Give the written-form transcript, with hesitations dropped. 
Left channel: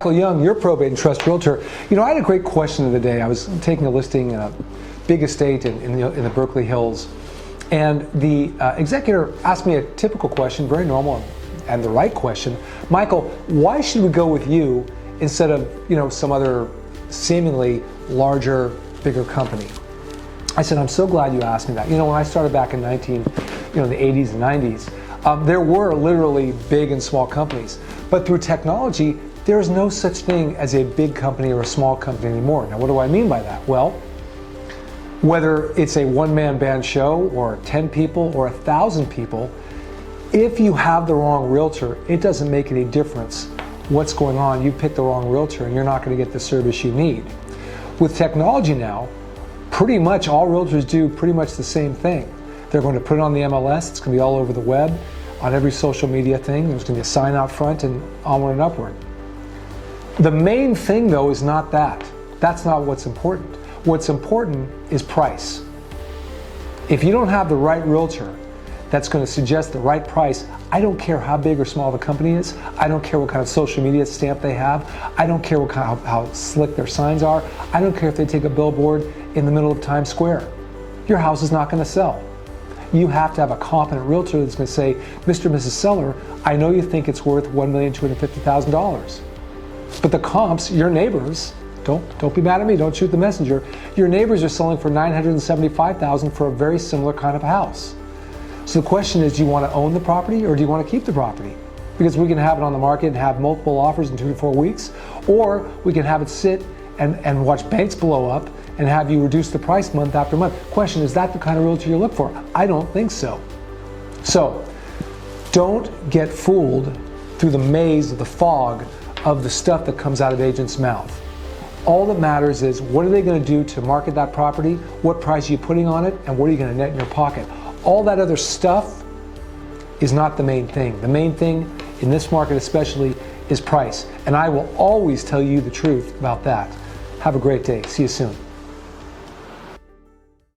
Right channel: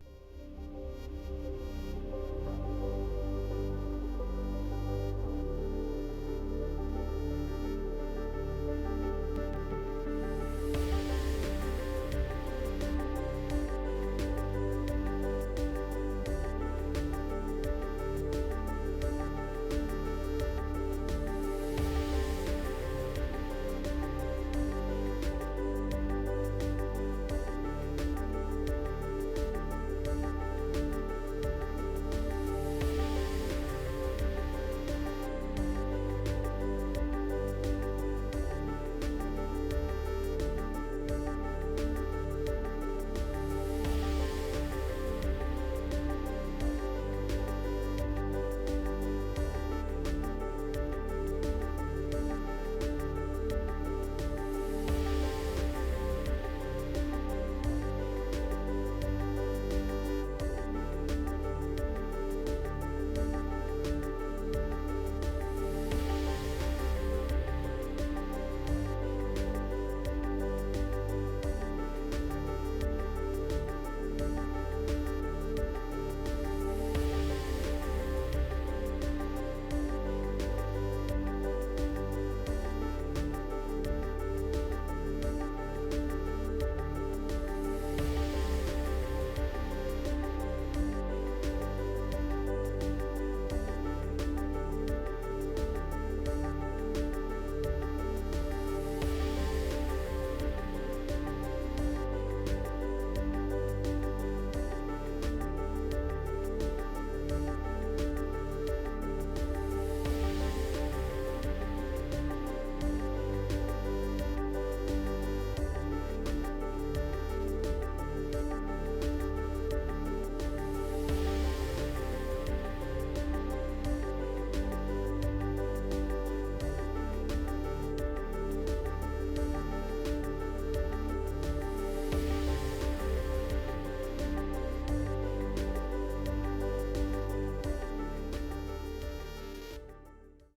Michael Young, your probate and trust realtor. You know, I had a great question of the day. I was taking a listing in a big estate in the Berkeley Hills, and the executor asked me a typical question, very normal and the right question. Michael, why should we go with you instead of, some other seemingly larger, bigger company? I said, I'm so glad you asked me that. When I started back in the 80s and 90s, there were literally big and small companies. But through technology, there is no such thing as a big company or a small company anymore. Now, what do I mean by that? Well, whether it's a one-man band show or 10 people or 1,000 people, if you have the wrong realtor, it doesn't make any difference what's going on. You picked the wrong realtor and you're not going to get the service you need. With technology now, pretty much all realtors do pretty much the same thing. They're going to put it on the MLS, it's going to be all over the web, on every social media thing, there's going to be a sign out front and onward and upward. The main thing though is not that. That's not what's important. What's important is price. If you don't have the right realtor that's going to suggest the right price, I don't care how big or small the company is, I don't care what kind of social media stamp they have, I don't care how slick their signs are, I don't care if they take a billboard in the middle of Times Square. Your house is not going to sell. You have to have a competent realtor that's going to say, Mr. and Mrs. Seller, I know you think it's worth $1,250,000. But the comps, your neighbors, don't be mad at me, don't shoot the messenger, your neighbors are selling for $975,000 for a very similar kind of house. So the question is, do you want to own the property or do you want to keep the property? Because we can have it on the market and have multiple offers in 2 to 4 weeks, or we can have it sit and watch banks blow up and have you reduce the price month after month. Question, is that the kind of realtor you look for? I don't think so. So don't get fooled through the maze of the fog of the stuff that comes out of agents' mouth. All that matters is, what are they going to do to market that property? What price are you putting on it? And what are you going to net in your pocket? All that other stuff is not the main thing. The main thing in this market especially is price. And I will always tell you the truth about that. Have a great day. See you soon.